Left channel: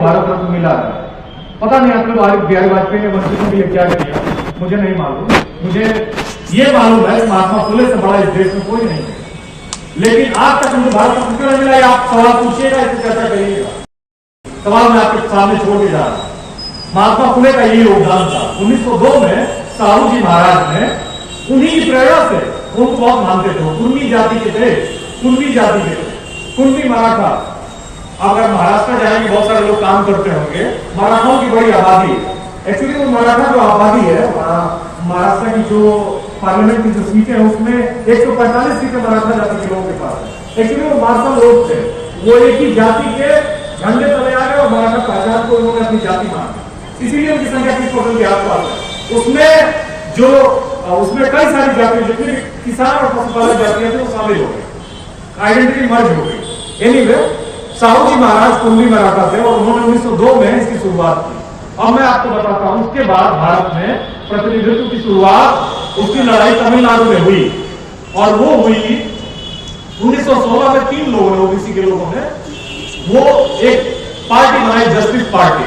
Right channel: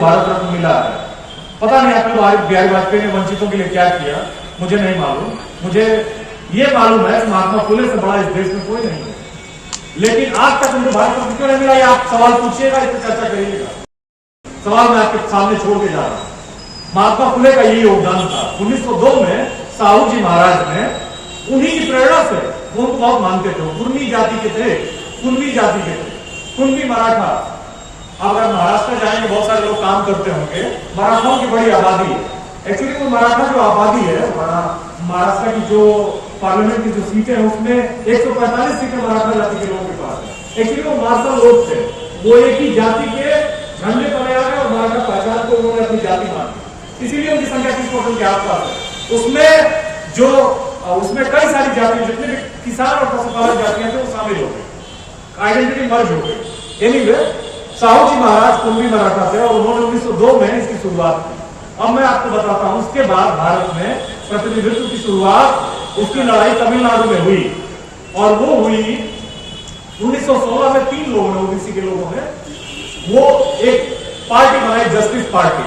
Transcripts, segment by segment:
भारत रत्न मिला है। पता नहीं आपको बिहारी वाजपेयी ने वंचितों के लिए क्या किया, मुझे नहीं मालूम। मुझे ये मालूम है महात्मा फुले से बड़ा इस देश में कोई नहीं है, लेकिन आज तक मुझे भारत रत्न क्यों नहीं मिला, ये आप सवाल पूछिएगा, इसकी चर्चा करिएगा। सवाल मैं आपके सामने छोड़ के जा रहा हूं। महात्मा फुले का यही योगदान था। 1902 में साहू जी महाराज ने उन्हीं की प्रेरणा से, उनको बहुत मानते थे, वो कुर्मी जाति के थे, कुणबी जाति के थे, कुणबी मराठा। अगर महाराष्ट्र जाएंगे बहुत सारे लोग काम करते होंगे, मराठाओं की बड़ी आबादी है। एक्चुअली वो मराठा जो आबादी है, महाराष्ट्र की जो पार्लियामेंट की जो सीटें हैं उसमें 145 सीटें मराठा जाति के लोगों के पास है। एक्चुअली वो मार्शल लोग थे, वो एक ही जाति के झंडे तले आ गए और मराठा पहचान को उन्होंने अपनी जाति मानी, इसीलिए उनकी संख्या 30% के आसपास है। उसमें कई सारी जातियां, जितने भी किसान और पशुपालक जातियां थी वो शामिल हो गई, आइडेंटिटी मर्ज हो गई। एनीवे, साहू जी महाराज कुणबी मराठा थे और उन्होंने 1902 में इसकी शुरुआत की। अब मैं आपको बताता हूं, उसके बाद भारत में प्रतिनिधित्व की शुरुआत, उसकी लड़ाई तमिलनाडु में हुई, और वो हुई 1916 में। 3 लोगों ने, ओबीसी के लोगों ने, वो एक पार्टी बनाई, जस्टिस पार्टी,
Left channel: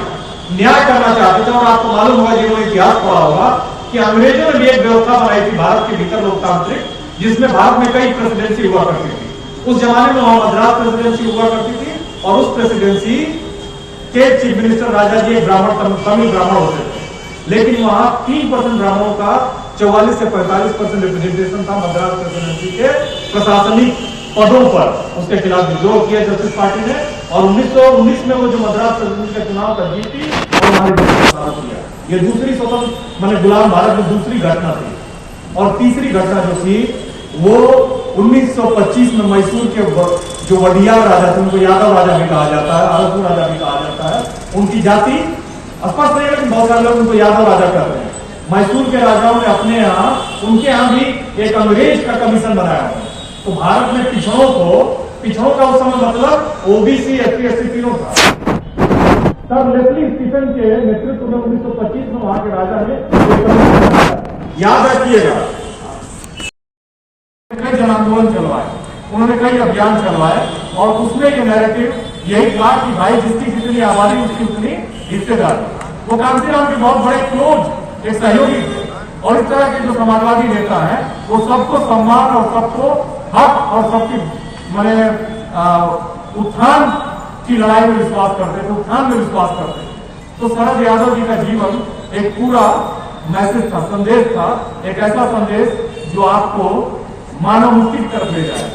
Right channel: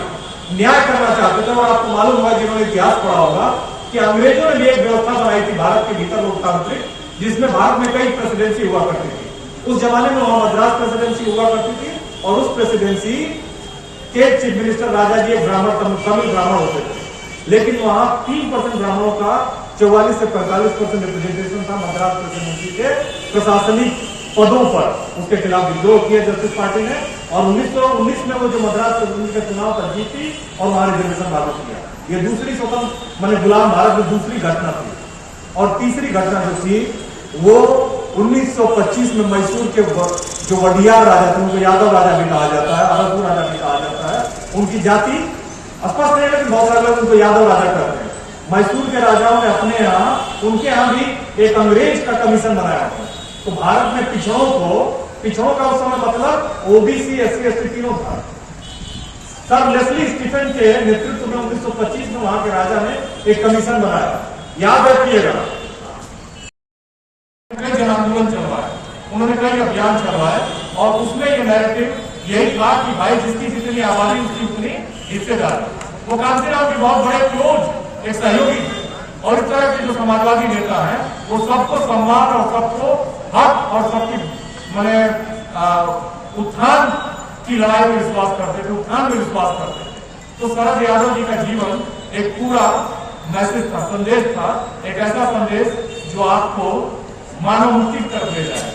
न्याय करना चाहते थे। और आपको मालूम होगा, जिन्होंने इतिहास पढ़ा होगा, कि अंग्रेजों ने भी एक व्यवस्था बनाई थी भारत के भीतर लोकतांत्रिक, जिसमें भारत में कई प्रेसिडेंसी हुआ करती थी। उस जमाने में वहां मद्रास प्रेसिडेंसी हुआ करती थी, और उस प्रेसिडेंसी के चीफ मिनिस्टर राजा जी एक ब्राह्मण, तमिल ब्राह्मण होते थे, लेकिन वहां 3% ब्राह्मणों का 44 से 45% रिप्रेजेंटेशन था मद्रास प्रेसिडेंसी के प्रशासनिक पदों पर। उसके खिलाफ विद्रोह किया जस्टिस पार्टी ने, और 1919 में वो जो मद्रास प्रेसिडेंसी का चुनाव कर जीती और हमारे देश को स्थापित किया। ये दूसरी स्वतंत्र माने गुलाम भारत में दूसरी घटना थी। और तीसरी घटना जो थी वो 1925 में मैसूर के जो वडियार राजा थे, उनको यादव राजा भी कहा जाता है, अरबपुर राजा भी कहा जाता है। उनकी जाति स्पष्ट नहीं है, लेकिन बहुत सारे लोग उनको यादव राजा कहते हैं। मैसूर के राजाओं ने अपने यहाँ, उनके यहाँ भी एक अंग्रेज का कमीशन बनाया हुआ है। तो भारत में पिछड़ों का उस समय मतलब ओबीसी, एससी, एसटी तीनों था। सर लेस्ली स्टीफन के नेतृत्व में 1925 में वहां के राजा ने एक कमीशन बनाया, याद रखिएगा। कई जन आंदोलन चलवाए, उन्होंने कई अभियान चलवाए, और उसमें ये नैरेटिव यही कहा कि भाई जिसकी जितनी आबादी उसकी उतनी हिस्सेदारी। वो कांसीराम के बहुत बड़े क्लोज एक सहयोगी थे, और इस तरह के जो समाजवादी नेता हैं वो सबको सम्मान और सबको हक और सबकी माने उत्थान की लड़ाई में विश्वास करते थे, उत्थान में विश्वास करते थे। तो शरद यादव जी का जीवन एक पूरा मैसेज था, संदेश था, एक ऐसा संदेश जो आपको मानव मुक्ति की तरफ ले जाएगा।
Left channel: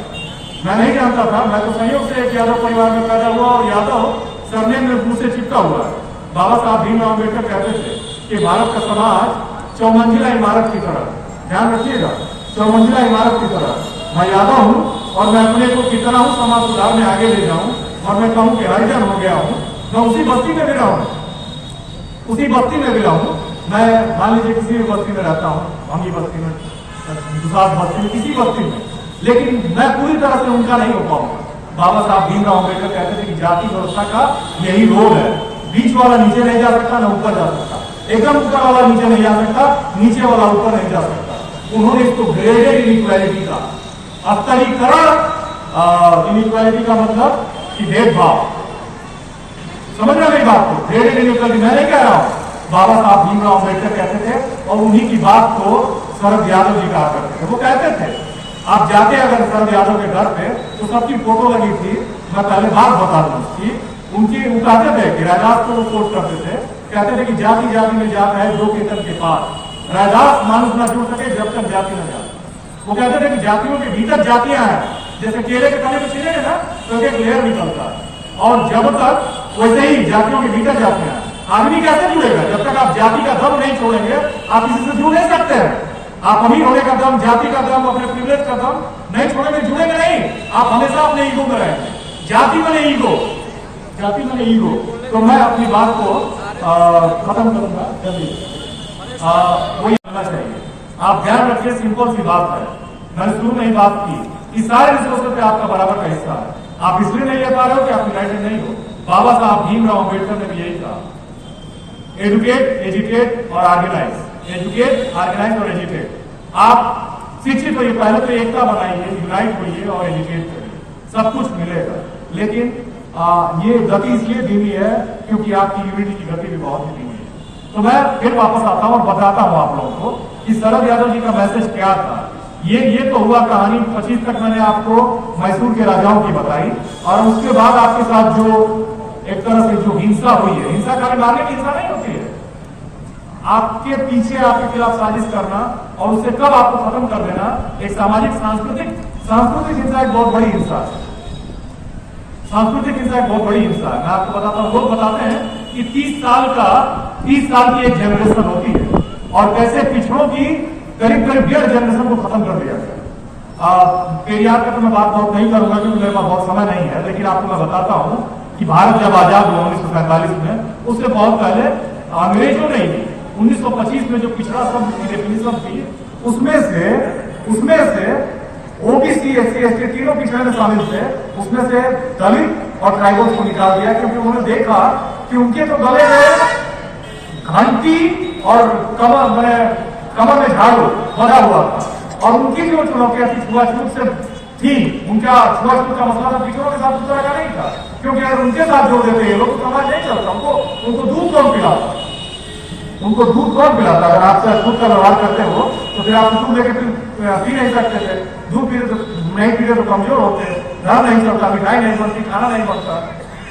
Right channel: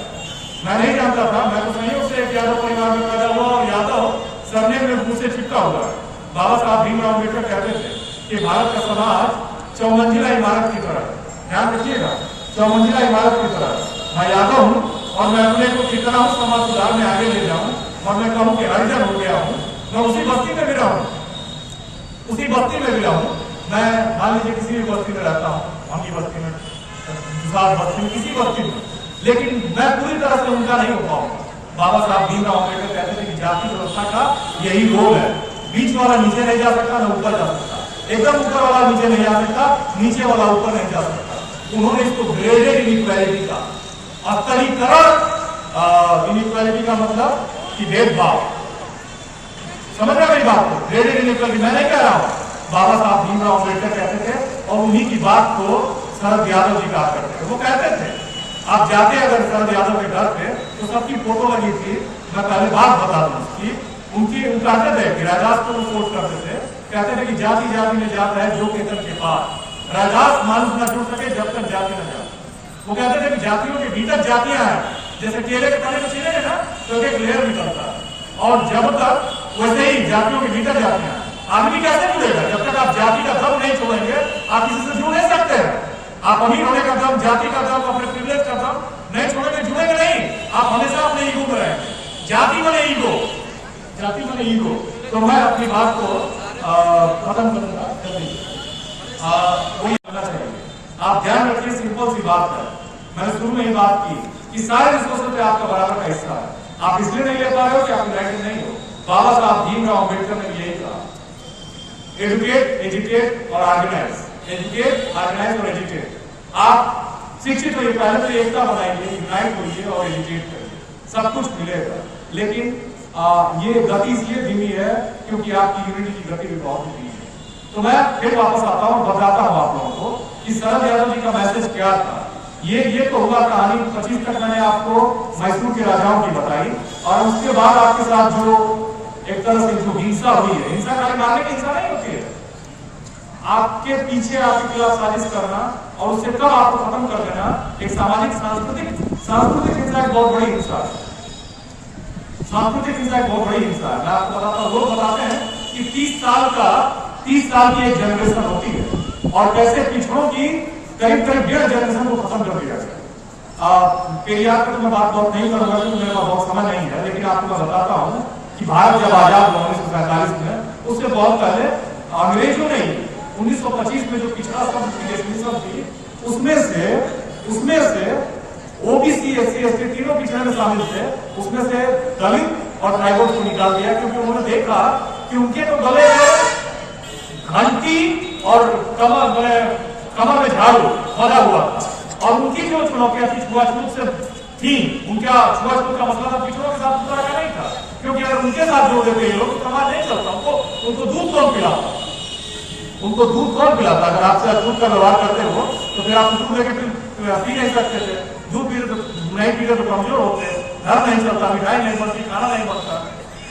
मैं नहीं जानता था, मैं तो संयोग से एक यादव परिवार में पैदा हुआ, और यादव सरनेम में मुंह से चिपका हुआ है। बाबा साहब भीमराव अम्बेडकर कहते थे कि भारत का समाज 4 मंजिला इमारत की तरह, ध्यान रखिएगा, 4 मंजिला इमारत की तरह। मैं यादव हूं, और मैं अपने को कितना हूं समाज सुधार में आगे ले जाऊं, और मैं कहूं कि हरिजन हो गया हूं, मैं उसी बस्ती में भी रहूं, उसी बस्ती में भी रहूं। मैं मान लीजिए किसी भी बस्ती में रहता हूं, हम भी बस्ती में, दूसरा बस्ती में, किसी बस्ती में, लेकिन मैं पूरी तरह से उनका नहीं हो पाऊंगा। बाबा साहब भीमराव अम्बेडकर कहते थे कि जाति व्यवस्था का यही रोल है, बीच वाला नीचे नहीं जा सकता, न ऊपर जा सकता, एकदम ऊपर वाला नीचे नहीं जा सकता, नीचे वाला ऊपर नहीं जा सकता। उन्होंने इसको ग्रेडेड इनइक्वालिटी का, स्तरीकरण इनइक्वालिटी का मतलब कि भेदभाव, समझ रहे मेरी बात को, ग्रेडेड इनइक्वालिटी मैं नहीं कह रहा हूं, बाबा साहब भीमराव अम्बेडकर कहते थे, और उन्हीं की बात को शरद यादव जी कहा करते थे। वो कहते थे, आप जाते अगर शरद यादव के घर पे तो सबकी फोटो लगी थी। मैं पहले बात बता दूं उसकी, उनकी वो कहते थे कि रैदास को वो कोट करते थे, कहते थे कि जाति जाति में जात है जो केतन के पास, रैदास मानुष न जुड़ सके जब तक जाति न जाए। वो कहते थे कि जातियों के भीतर जातियां हैं, जैसे केले के तने में छीलेंगे ना तो एक लेयर निकलता है, और जब तक वैसे ही जातियों के भीतर जातियां हैं। आदमी कैसे जुड़ेगा जब तक आप जाति का दम नहीं छोड़ेंगे, आप किसी से जुड़ नहीं सकते हैं। आप अमीर होने का दम, जाति का दम, अपने प्रिविलेज का दम नहीं छोड़ेंगे, जुड़ेंगे नहीं, आप हमेशा अपने ईगो में रहेंगे। जाति में नहीं ईगो, जाति में नहीं ईगो। तो मैं अपनी बात को खत्म करूंगा, वही करना चाहिए। आप ध्यान रखिए, सिंपल सी बात है, मैंने शुरू में ही बात की कि सारे रिसोर्सेज पे आपका बराबर का हिस्सा है। आप इसलिए नहीं ले पा रहे हो कि आप यूनाइटेड नहीं हो। बाबा साहब भीमराव अम्बेडकर ने भी यही कहा, एजुकेट, एजुकेट और ऑर्गेनाइज, एजुकेट, ऑर्गेनाइज और एजुकेट। आप शिक्षित होइए, पहले तो एकता बनाइए, यूनाइट होइए और एजुकेट करिए, सब कुछ मिलेगा। लेकिन ये गति इसलिए धीमी है क्योंकि आपकी यूनिटी की गति भी बहुत धीमी है। तो मैं फिर वापस आता हूँ और बताता हूँ आप लोगों को कि शरद यादव जी का मैसेज क्या था। ये तो हुआ कहानी 25 तक मैंने आपको मैसूर के राजाओं की बताई, और उसके बाद आपके साथ जो एक तरह से जो हिंसा हुई है, हिंसा खाली मारने की हिंसा नहीं होती है, आपके पीछे आपके खिलाफ साजिश करना और उससे कब आपको खत्म कर देना, एक सामाजिक सांस्कृतिक हिंसा एक बहुत बड़ी हिंसा है। सांस्कृतिक हिंसा एक बहुत बड़ी हिंसा है। मैं आपको बताता हूँ, लोग बताते हैं कि 30 साल की एक जनरेशन होती है और कैसे पिछड़ों की करीब 1.5 जनरेशन को खत्म कर दिया गया। पेरियार का तो मैं बात बहुत नहीं करूंगा क्योंकि मेरे पास बहुत समय नहीं है, लेकिन आपको मैं बताता हूं कि भारत जब आजाद हुआ 1947 में, उससे बहुत पहले अंग्रेजों ने 1925 में जो पिछड़ा शब्द की डेफिनेशन थी, उसमें से ओबीसी, एससी, एसटी तीनों पिछड़े में शामिल थे, उसमें से दलित और ट्राइबल्स को निकाल दिया क्योंकि उन्होंने देखा कि उनके तो गले में घंटी और कमर में झाड़ू बना हुआ था, और उनकी जो चुनौतियां थी छुआछूत से थी, उनका छुआछूत का मसला था, पिछड़ों के साथ दूसरा का नहीं था, क्योंकि अगर उनके साथ जोड़ देते ये लोग तो समाज नहीं चलता। उनको दूध कौन पिलाता? उनको दूध कौन पिलाता? अगर आपसे अछूत का व्यवहार करते हो तो फिर आप दूध लेके पी नहीं सकते थे, दूध नहीं पीते तो कमजोर होते, धर्म नहीं चलता, मिठाई नहीं बनती, खाना नहीं बनता,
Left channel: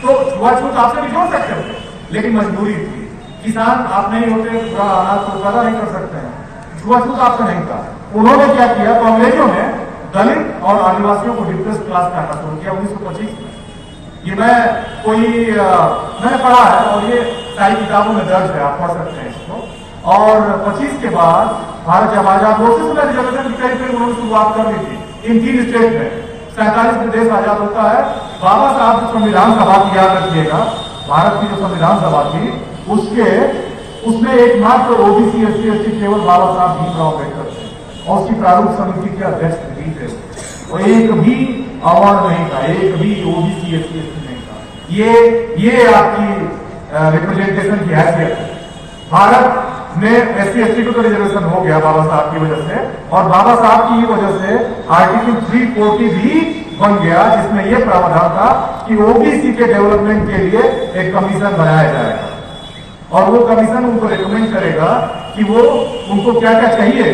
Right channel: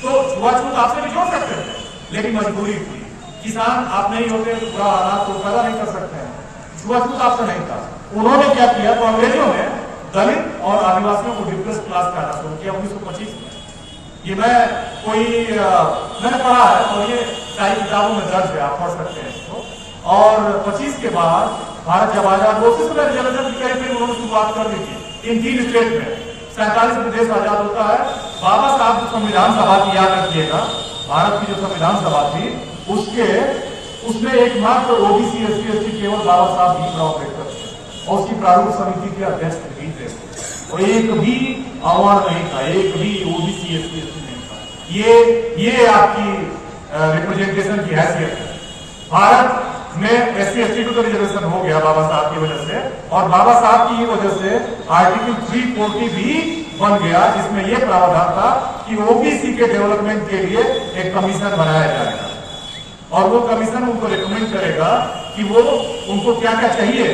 तो छुआछूत आपसे भी जोड़ सकते थे, लेकिन मजबूरी थी। किसान आप नहीं होते, पूरा अनाज को पैदा नहीं कर सकते हैं, छुआछूत आपसे नहीं था। उन्होंने क्या किया, तो अंग्रेजों ने दलित और आदिवासियों को डिप्रेस क्लास कहना शुरू किया 1925 में। ये मैंने पढ़ा है और ये सारी किताबों में दर्ज है, आप पढ़ सकते हैं इसको। और 25 के बाद भारत जब आजाद हो, रिजर्वेशन की करीब उन्होंने शुरुआत कर दी थी इन 3 स्टेट में। 47 में देश आजाद होता है। बाबा साहब जो संविधान सभा की, याद रखिएगा, भारत की जो संविधान सभा थी उसमें एकमात्र ओबीसी, एससी, एसटी केवल बाबा साहब भीमराव अम्बेडकर थे, और उसकी प्रारूप समिति के अध्यक्ष भी थे, और एक भी अवार्ड नहीं था, एक भी ओबीसी, एससी, एसटी नहीं था। ये आपकी रिप्रेजेंटेशन की हैसियत है। भारत में एससी, एसटी को तो रिजर्वेशन हो गया बाबा साहब की वजह से, और बाबा साहब की वजह से आर्टिकल 340 भी बन गया, जिसमें यह प्रावधान था कि ओबीसी के डेवलपमेंट के लिए एक कमीशन बनाया जाएगा, और वो कमीशन उनको रिकमेंड करेगा कि वो उनको क्या क्या चाहिए।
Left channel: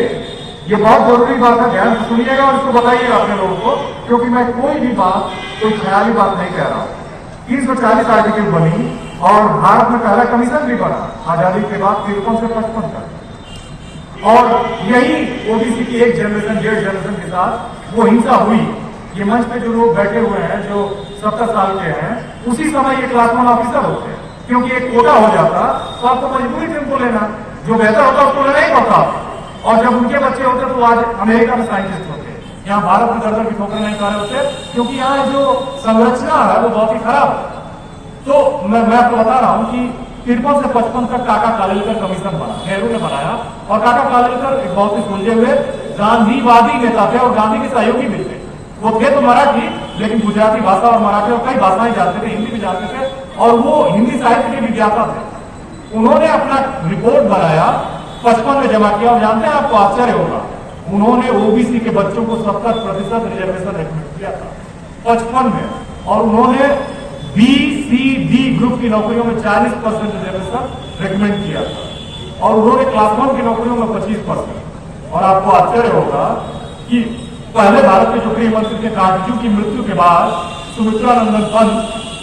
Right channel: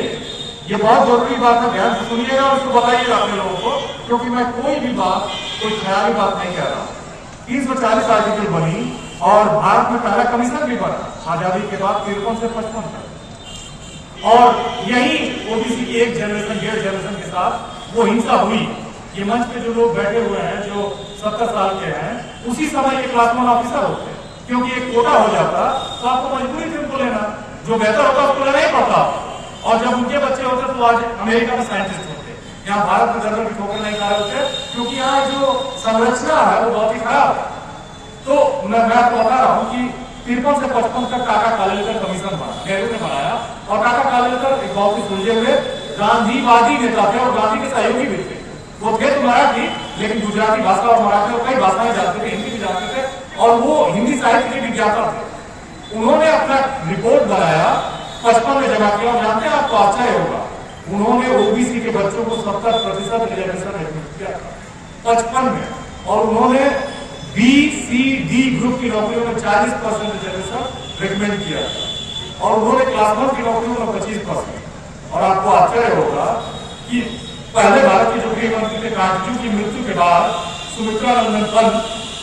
ये बहुत जरूरी बात है, ध्यान से सुनिएगा और इसको बताइएगा अपने लोगों को, क्योंकि मैं कोई ख्याली बात नहीं कह रहा हूं। 340 आर्टिकल बनी और भारत में पहला कमीशन भी बना आजादी के बाद 53 से 55 तक, और यही ओबीसी की एक जनरेशन, 1.5 जनरेशन के साथ वो हिंसा हुई। ये मंच पे जो लोग बैठे हुए हैं जो 70 साल के हैं, उसी समय ये क्लास 1 ऑफिसर होते हैं, क्योंकि एक कोटा हो जाता तो आपको मजबूरी थी उनको लेना, जो बेहतर होता उसको लेना ही पड़ता, और जब उनके बच्चे होते तो आज अमेरिका में साइंटिस्ट होते, यहाँ भारत में दर्जन की ठोकर नहीं खा रहे होते, क्योंकि यहाँ जो संरचना है वो बहुत ही खराब है। तो मैं आपको बता रहा हूँ कि 53 से 55 तक काका कालेलकर कमीशन बना, नेहरू ने बनाया, और काका कालेलकर एक बहुत ही सुलझे हुए गांधीवादी नेता थे और गांधी के सहयोगी भी थे। वो थे तो मराठी, लेकिन गुजराती भाषा और मराठी और कई भाषाएं जानते थे, हिंदी भी जानते थे, और वो हिंदी साहित्य के विज्ञाता थे। उन्होंने अपना रिपोर्ट बनाया, 55 में जमा किया, और जानते हैं आपको आश्चर्य होगा, उन्होंने ओबीसी के बच्चों को 70% रिजर्वेशन रिकमेंड किया था 55 में, और उन्होंने बी, सी, डी ग्रुप की नौकरियों में 40% रिजर्वेशन रिकमेंड किया था, और उन्होंने क्लास 1 की नौकरियों में 25%। और आपको आश्चर्य होगा कि पहले भारत के जो गृह मंत्री थे, कांटजू की मृत्यु के बाद सुमित्रा नंदन पंत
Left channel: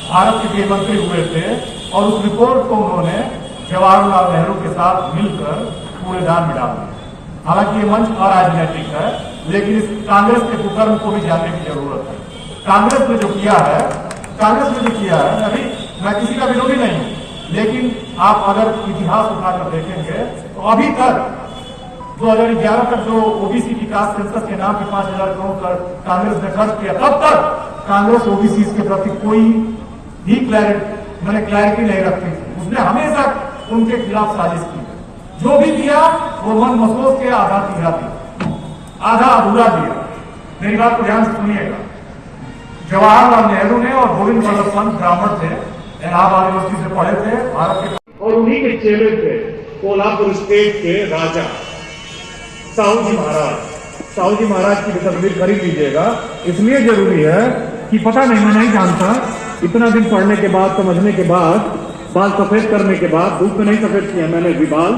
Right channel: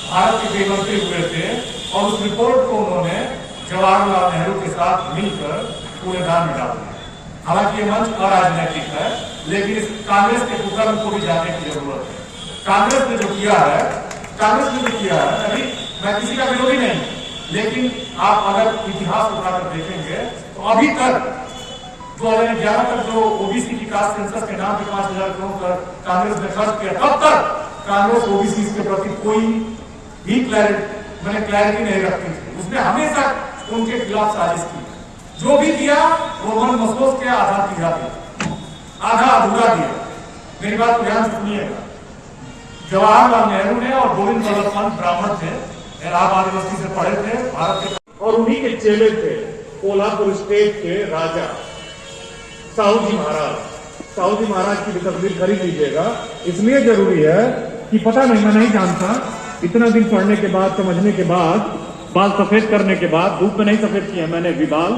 भारत के गृह मंत्री हुए थे, और उस रिपोर्ट को उन्होंने जवाहरलाल नेहरू के साथ मिलकर कूड़ेदान में डाल दिया। हालांकि ये मंच अराजनैतिक है, लेकिन इस कांग्रेस के कुकर्म को भी जानने की जरूरत है। कांग्रेस ने जो किया है, मैं किसी का विरोधी नहीं हूं, लेकिन आप अगर इतिहास उठाकर देखेंगे तो अभी तक 2011 तक जो ओबीसी की कास्ट सेंसस के नाम पे 5,000 करोड़ कांग्रेस ने खर्च किया, तब तक कांग्रेस ओबीसी के प्रति कोई भी क्लैरिटी नहीं रखती थी। उसने हमेशा उनके खिलाफ साजिश की, जो भी किया वो मन महसूस के आधा दिया, आधा अधूरा दिया। मेरी बात को ध्यान से सुनिएगा। जवाहरलाल नेहरू ने और गोविंद वल्लभ पंत ब्राह्मण थे, इलाहाबाद यूनिवर्सिटी से पढ़े थे, भारत के, और उन्हीं के चेले थे कोल्हापुर स्टेट के राजा साहू जी महाराज की तस्वीर खरीद लीजिएगा। इसलिए जरूरी है कि पता नहीं, मैं नहीं जानता, इतना दिन पढ़ने के बाद, समझने के बाद, बाल सफेद करने के बाद, धूप में नहीं सफेद किया मैंने भी बाल,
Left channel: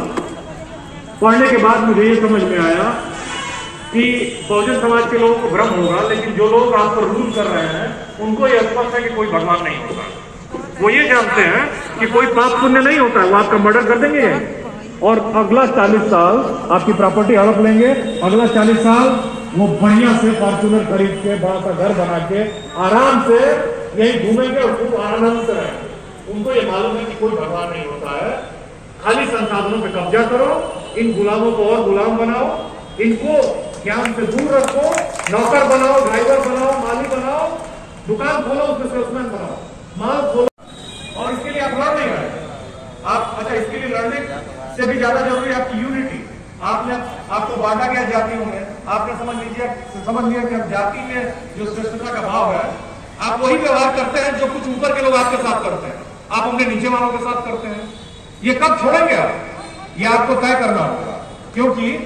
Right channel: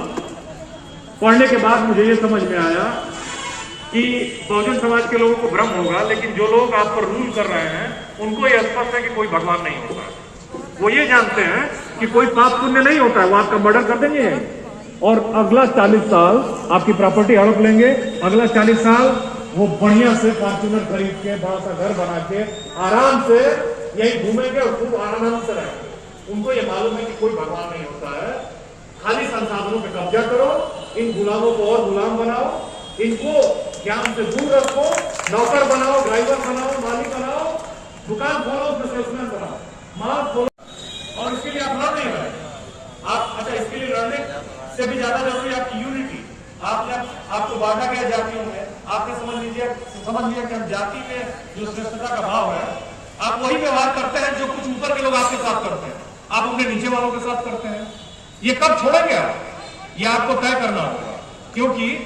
पढ़ने के बाद मुझे ये समझ में आया कि बहुजन समाज के लोगों को भ्रम होगा, लेकिन जो लोग आप पर रूल कर रहे हैं उनको ये स्पष्ट है कि कोई भगवान नहीं होता है। वो ये जानते हैं कि कोई पाप पुण्य नहीं होता है, वो आपका मर्डर कर देंगे और अगला 40 साल आपकी प्रॉपर्टी हड़प लेंगे। अगला 40 साल वो बढ़िया से फॉर्च्यूनर खरीद के बड़ा सा घर बना के आराम से यही घूमेंगे और खूब आनंद से रहेंगे। उनको ये मालूम है कि कोई भगवान नहीं होता है। खाली संसाधनों पे कब्जा करो, इन गुलामों को और गुलाम बनाओ, इनको ज्ञान से दूर रखो, नौकर बनाओ, ड्राइवर बनाओ, माली बनाओ, दुकान खोलो, उसमें सेल्समैन बनाओ, माल खोलो। और इसके लिए आप लड़ नहीं रहे आप। अच्छा, इसके लिए लड़ने से भी ज्यादा जरूरी है आपकी यूनिटी। आपको बांटा गया जातियों में, आपने समझ लिया कि जाति में जो श्रेष्ठता का भाव है, आप वही व्यवहार करते हैं जो कुछ ऊपर के लोग आपके साथ करते हैं, आप अपने नीचे वालों के साथ करते हैं। ये कब छोड़ेंगे आप, ये आपको तय करना होगा। क्योंकि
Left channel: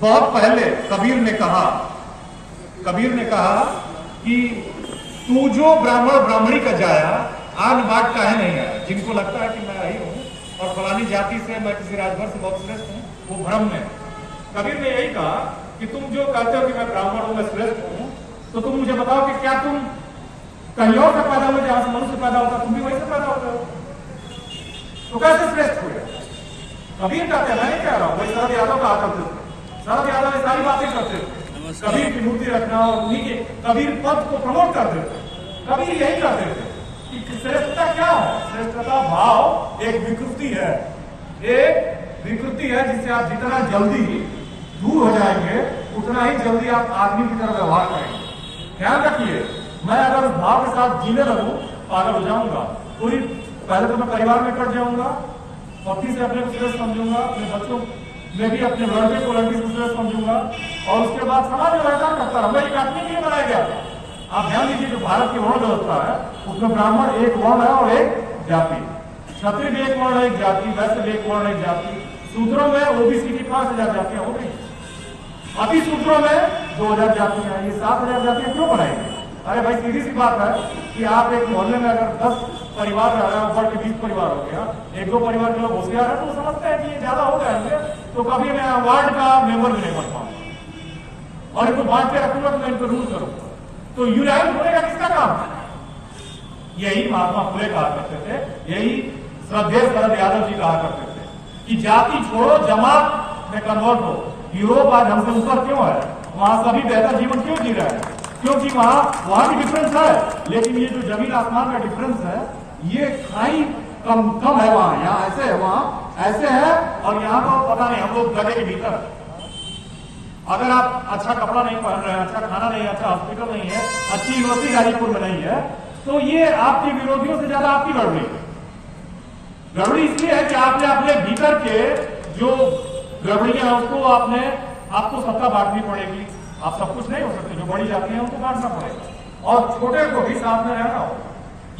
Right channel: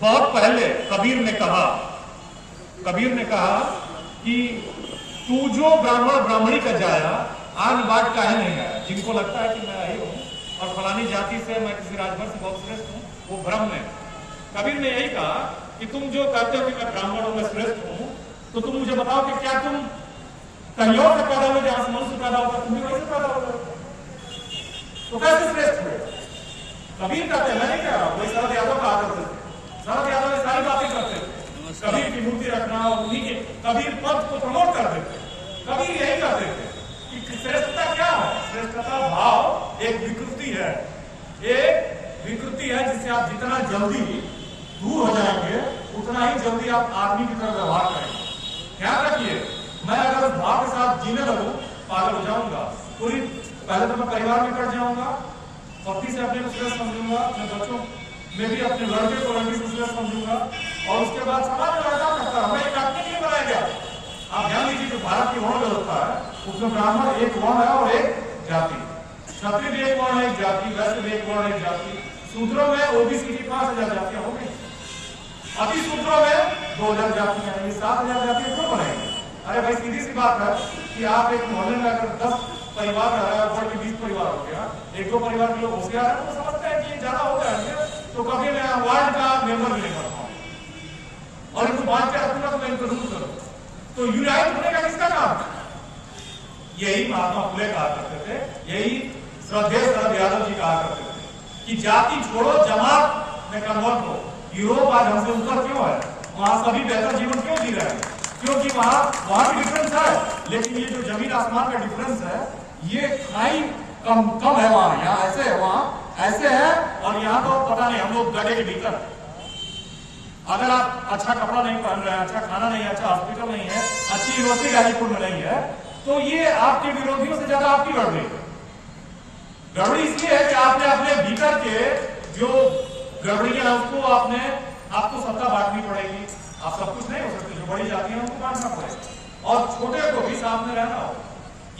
बहुत पहले कबीर ने कहा कि तू जो ब्राह्मण ब्राह्मणी का जाया, आम बात का है नहीं है। जिनको लगता है कि मैं आई हूं और फलानी जाति से मैं किसी राजभर से बहुत श्रेष्ठ हूं, वो भ्रम में। कबीर ने यही कहा कि तुम जो कहते हो कि मैं ब्राह्मण हूं, मैं श्रेष्ठ हूं, तो तुम मुझे बताओ कि क्या तुम कहीं और से पैदा हुए जहां से मनुष्य पैदा होता, तुम भी वहीं से पैदा होता हो, तो कैसे श्रेष्ठ हुए? कबीर का कहना नहीं कह रहा हूं, वही शरद यादव कहा करते थे। शरद यादव ये सारी बातें करते थे, कबीर की मूर्ति रखना, उन्हीं के कबीर पद को प्रमोट कर देते। कबीर यही करते थे कि श्रेष्ठता क्या है? श्रेष्ठता भाव एक विकृति है, जिससे आप जितना जल्दी दूर हो जाएंगे उतना ही जल्दी आप आदमी की तरह व्यवहार करेंगे। ध्यान रखिए, मैं अगर उस भाव के साथ जीने लगूं पागल हो जाऊंगा। पहले तो मैं परिवार में कट जाऊंगा, पत्नी से अपने श्रेष्ठ समझूंगा, अपने बच्चों में भी अपने लड़के को लड़की को श्रेष्ठ समझूंगा, और उसके बाद समाज में लड़का करता है। एक काटने के लिए बनाया गया था। आप ध्यान दीजिए, जो भारत की वर्ण व्यवस्था है उसमें ब्राह्मण एक वर्ण है और एक जाति, क्षत्रिय भी एक वर्ण है, एक जाति, वैश्य भी एक वर्ण है, एक जाति। सूत्रों में ओबीसी की 5000 जातियां हो गई, अति सूत्रों में 2000 जातियां हैं। ये 7000 जातियां क्यों बनाएंगे? अरे भाई, सीधी सी बात है कि आप एक मोहल्ले में अगर 10 परिवार रह रहा है, ऊपर के 20 परिवार हो गया, 1-2 परिवार के लोग होशियार है तो वो समझते हैं कि ये ज्यादा हो जाएंगे तो कभी मैं वार्ड का मेंबर भी नहीं बन पाऊंगा और इनको बांध के रखूंगा तो मैं इनको रूल करूंगा। तो यूनाइट होने का किसका काम है? यही महात्मा फुले कहा करते थे, यही श्रद्धेय शरद यादव जी कहा करते थे कि जाति छोड़ो, जमात में कन्वर्ट हो। यूरोप आज हमसे ऊपर क्यों है? वहां सभी बेहतर जीवन क्यों जी रहे हैं? क्योंकि वहां भी डिफरेंस है, लेकिन ये जो जमीन आसमान का डिफरेंस है, ये खाई कम है वहां, यहाँ ऐसे है, वहां ऐसे है, और यहाँ तो पता नहीं, हम लोग गड्ढे के भीतर। अगर आप अच्छा कपड़ा नहीं पहन रहे हैं, अच्छा खाना नहीं है, अच्छा हॉस्पिटल नहीं है, अच्छी यूनिवर्सिटी गाजीपुर में नहीं है, तो ये आपके विरोधियों से ज्यादा आपकी लड़ रही है। गड़बड़ी इसलिए है कि आपने अपने भीतर के जो गड़बड़ियां उसको आपको सत्ता बांटनी पड़ेगी। आप सब कुछ नहीं हो सकते, जो बड़ी जाति है उनको बांटना पड़ेगा और छोटे को भी साथ में रहना हो।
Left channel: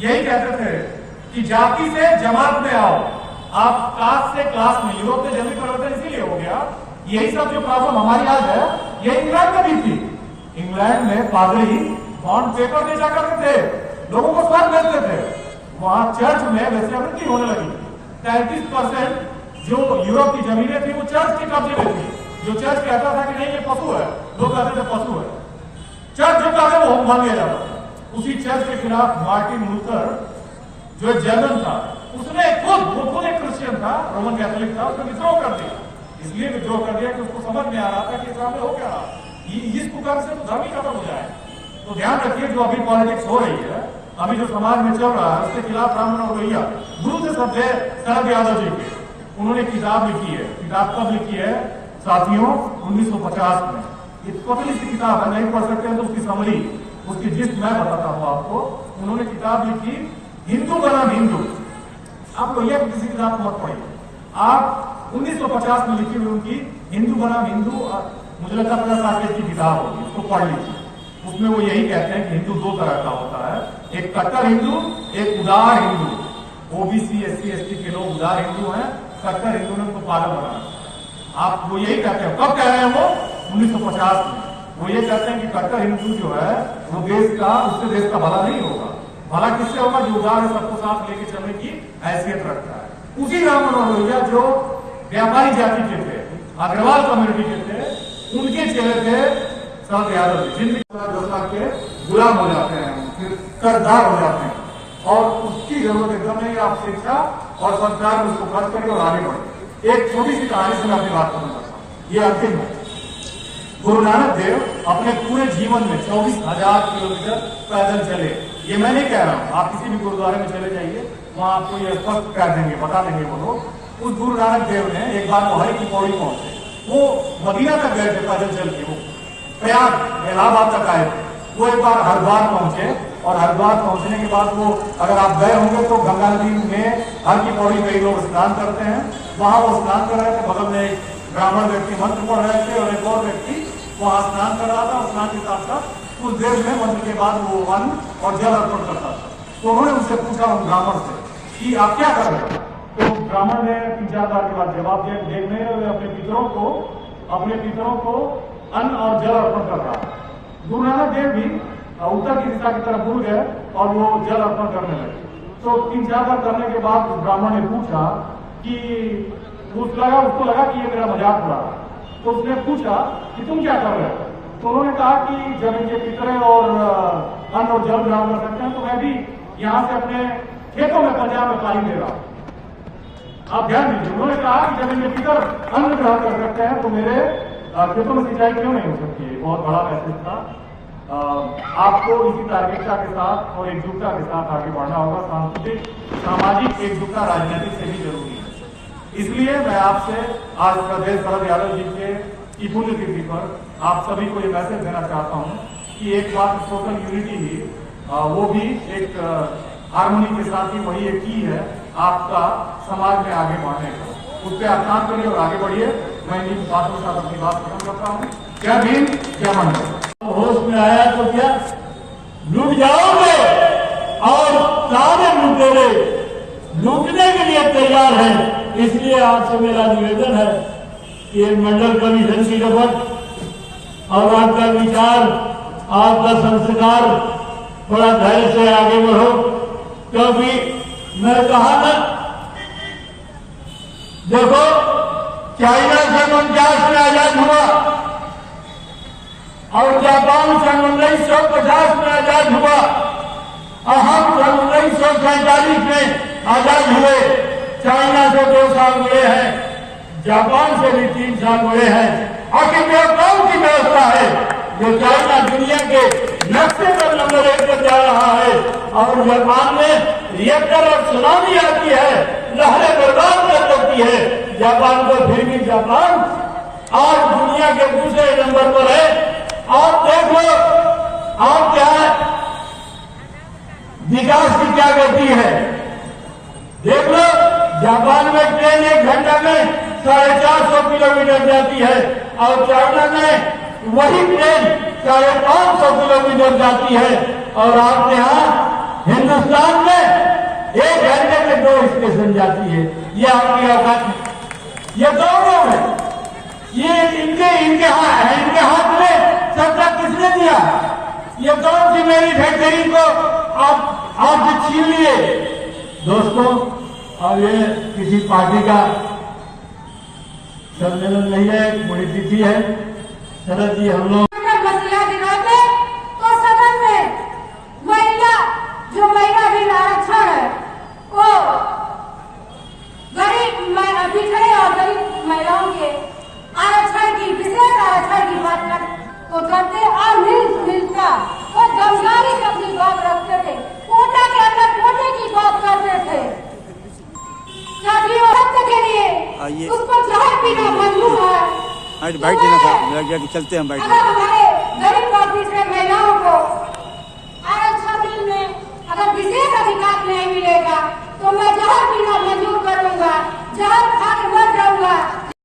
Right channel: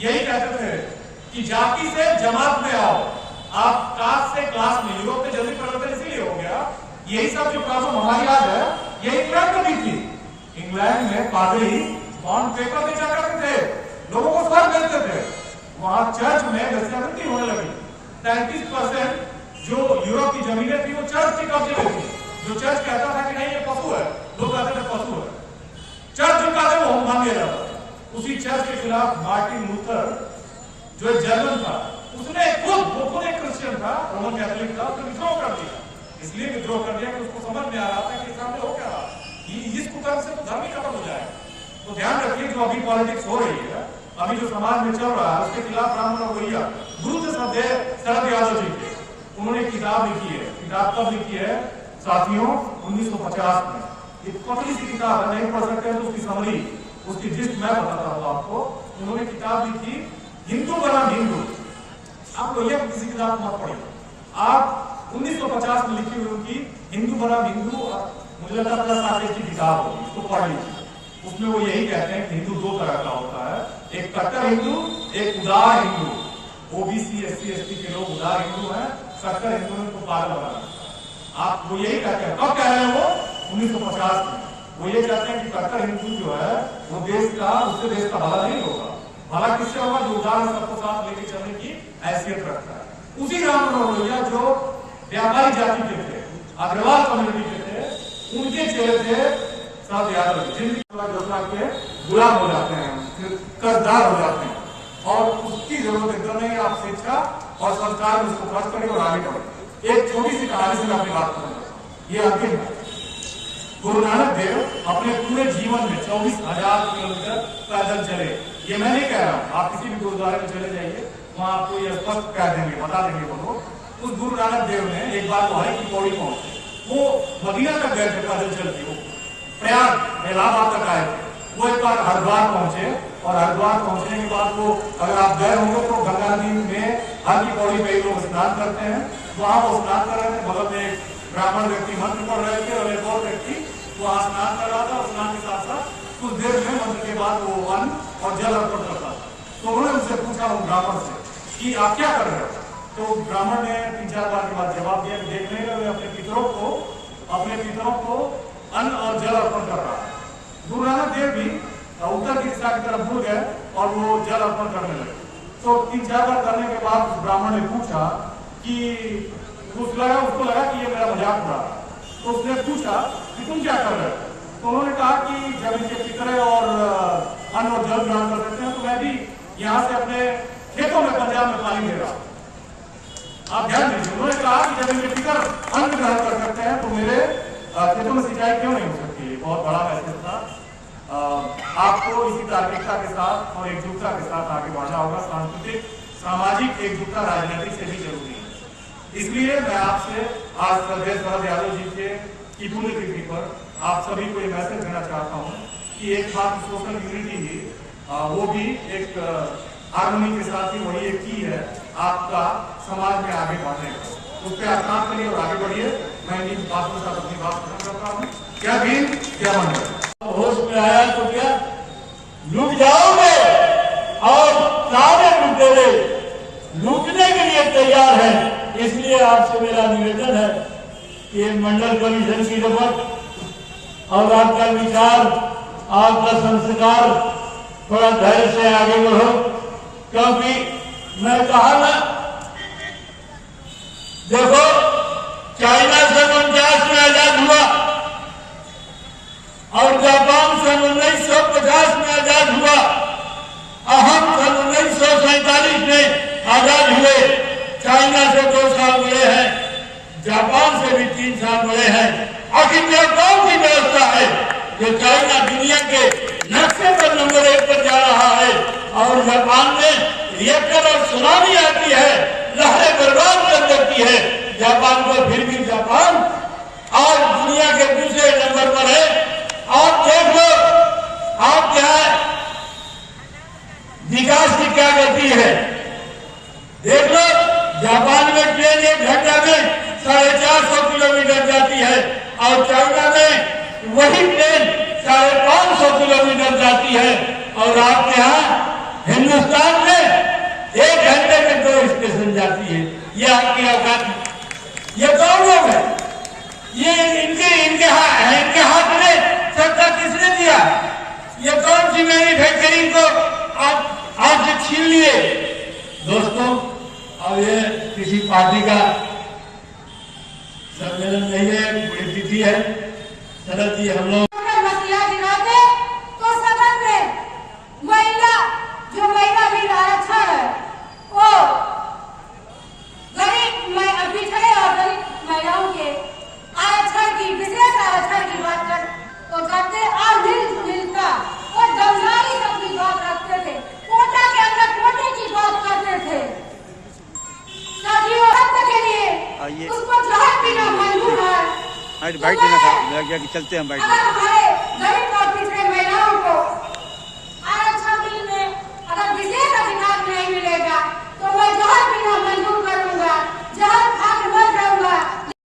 यही कहते थे कि जाति से जमात में आओ, आप कास्ट से क्लास में। यूरोप में जल्दी परिवर्तन इसलिए हो गया। यही सब जो प्रॉब्लम हमारी आज है, ये इंग्लैंड में भी थी। इंग्लैंड में पादरी बॉन्ड पेपर बेचा करते थे, लोगों को स्वर्ग देते थे। वहां चर्च में वैश्यावृत्ति होने लगी। 33% जो यूरोप की जमीनें थी वो चर्च की कब्जे में थी। जो चर्च कहता था कि नहीं ये पशु है, लोग कहते थे पशु है। चर्च जो कहते वो मान लिया जाता था। उसी चर्च के खिलाफ मार्टिन लूथर, जो एक जर्मन था, उसने खुद एक क्रिश्चियन था, रोमन कैथोलिक था, उसने विद्रोह कर दिया। इसलिए विद्रोह कर दिया कि उसको समझ में आ रहा था कि सामने हो क्या रहा, इस कुकर्म से तो धर्म ही खत्म हो जाए। तो ध्यान रखिए, जो अभी पॉलिटिक्स हो रही है, अभी जो समाज में चल रहा है, उसके खिलाफ रामन और भैया गुरु श्रद्धेय शरद यादव जी के, उन्होंने किताब लिखी है। किताब कब लिखी है साथियों? 1950 में। ये पतली सी किताब है, नहीं पढ़ सकते हैं तो उसकी समरी, उसकी जिस्ट मैं बताता हूँ आपको। उन्होंने किताब लिखी हिंदू बनाम हिंदू। आप लोग ये किसी किताब को मत पढ़िए, आप 1950 में लिखी हुई उनकी हिंदू बनाम हिंदू, मुझे लगता है 50 पेज की किताब होगी, उसको पढ़ लीजिए। उसमें वो यही कहते हैं कि हिंदू 2 तरह का होता है, एक कट्टर हिंदू, एक उदार हिंदू। ओबीसी SC ST के लोग उदार हिंदू हैं, कट्टर हिंदू ने उनको पागल बनाना। आप वो यही कहते हैं। कब कह रहे हैं वो? 1950 में। वो ये कहते हैं कि कट्टर हिंदू जो है वो देश का, उससे देश का भला नहीं होगा, हालांकि इससे होगा जो उदार है सबको साथ लेके चलने की हैसियत रखता है। उसी राम मनोहर लोहिया जो व्यापारी जाति के थे, अग्रवाल कम्युनिटी के थे, उनके चेहरे थे शरद यादव जी, जिनकी योजना के गुलाम हो जाते हैं, सरदार हो जाते हैं, और उसकी जरूरत एकदम नहीं। आप शिक्षा और संस्कार में उसको खर्च करें और आगे बढ़े। एक छोटी सी कहानी से मैं अपनी बात करूंगा, ये अंतिम है। गुरु नानक देव अपने पूरे जीवन में 24,000 किलोमीटर पैदल चले। ये मैं नहीं कह रहा हूं, आप किसी भी गुरुद्वारे में चले जाइए, वहां आपको ये स्पष्ट कह देंगे, बता देंगे वो लोग। उस गुरु नानक देव ने एक बार वो हरि की पौड़ी पहुंचे, वो मदीना तक गए थे पैदल चल के, वो प्रयाग इलाहाबाद तक आए। वो एक बार हरिद्वार पहुंचे, और हरिद्वार पहुंचने के बाद वो, अगर आप गए होंगे तो गंगा नदी में हर की पौड़ी कई लोग स्नान करते हैं, वहां वो स्नान कर रहे थे, बगल में एक ब्राह्मण व्यक्ति मंत्र पढ़ रहे थे और एक और व्यक्ति वहां स्नान कर रहा था। और स्नान के साथ साथ उस देव में मंत्र के बाद वो अन्न और जल अर्पण करता था। तो उन्होंने उनसे पूछा उन ब्राह्मण से कि आप क्या कर रहे हो? तो ब्राह्मण ने 3-4 बार के बाद जवाब दिया कि देख नहीं रहे, अपने पितरों को अन्न और जल अर्पण कर रहा है। गुरु नानक देव भी उत्तर की दिशा की तरफ मुड़ गए और वो जल अर्पण करने लगे। तो 3-4 बार करने के बाद ब्राह्मण ने पूछा कि उसको लगा कि ये मेरा मजाक उड़ा रहा है। तो उसने पूछा कि तुम क्या कर रहे हो? तो उन्होंने कहा कि जब इनके पितरे और अन्न और जल ग्रहण कर सकते हैं तो मैं भी यहाँ से अपने खेतों में पंजाब में पानी दे रहा हूँ। आप ध्यान दीजिए, उन्होंने कहा कि जब इनके पितर अन्न ग्रहण कर सकते हैं तो मेरे खेतों में सिंचाई क्यों नहीं हो सकती है। बहुत बड़ा मैसेज था। आपको इसी तार्किकता के साथ और एकजुटता के साथ आगे बढ़ना होगा। सांस्कृतिक सामाजिक एकजुटता राजनीति से भी जरूरी है। इसलिए मैं आपसे आज प्रदेश शरद यादव जी की पुण्यतिथि पर आप सभी को ये मैसेज देना चाहता हूँ कि एक बात सोशल यूनिटी ही वो भी एक हार्मोनी के साथ ही वही एक की है आपका समाज में आगे बढ़ने का। उस पर आप काम करिए और आगे बढ़िए। मैं इन बातों के साथ अपनी बात खत्म करता हूँ। जय भीम, जय मंदिर। होश में आया तो क्या लूट जाओगे, और सारे लुटेरे लूटने के लिए तैयार हैं। इसलिए आपसे मेरा निवेदन है कि एक मंडल कमीशन की रफत और आपका विचार, आपका संस्कार, थोड़ा धैर्य से आगे बढ़ो। क्योंकि मैं कहा था, देखो चाइना सन 49 में आजाद हुआ और जापान सन 1950 में आजाद हुआ, और हम सन 1947 में आजाद हुए। चाइना से 2 साल मिले हैं, जापान से भी 3 साल मिले हैं। आखिर यह कौन सी व्यवस्था है जो चाइना दुनिया के नक्शे पर नंबर 1 पर जा रहा है, और जापान में रिएक्टर और सुनामी आती है, लहरें बर्बाद कर देती है जापान को, फिर भी जापान आज दुनिया के दूसरे नंबर पर है। आप देख लो आप क्या विकास की क्या गति है, देख लो। जापान में ट्रेन 1 घंटा में 450 किलोमीटर जाती है, और चाइना में वही ट्रेन 550 किलोमीटर जाती है, और आपके यहाँ हिंदुस्तान में 1 घंटे में 2 स्टेशन जाती है। यह आपकी औकात, ये कौन लोग है? ये इनके हाथ में सत्ता किसने दिया? ये कौन सी मैन्युफैक्चरिंग को आपसे छीन लिए? दोस्तों, अब ये किसी पार्टी का सम्मेलन नहीं है, बड़ी तिथि है। शरद जी, हम लोग महिला भी आरक्षण है, वो गरीब पिछड़े और गरीब महिलाओं के आरक्षण की, विशेष आरक्षण की बात करते और मिलता और जमदारी अपनी बात रखते थे। कोटा के अंदर कोटे की बात करते थे। साथियों, हक के लिए उसको जहर पीना मंजूर है। बाइट देना था, चलते हैं बाइट।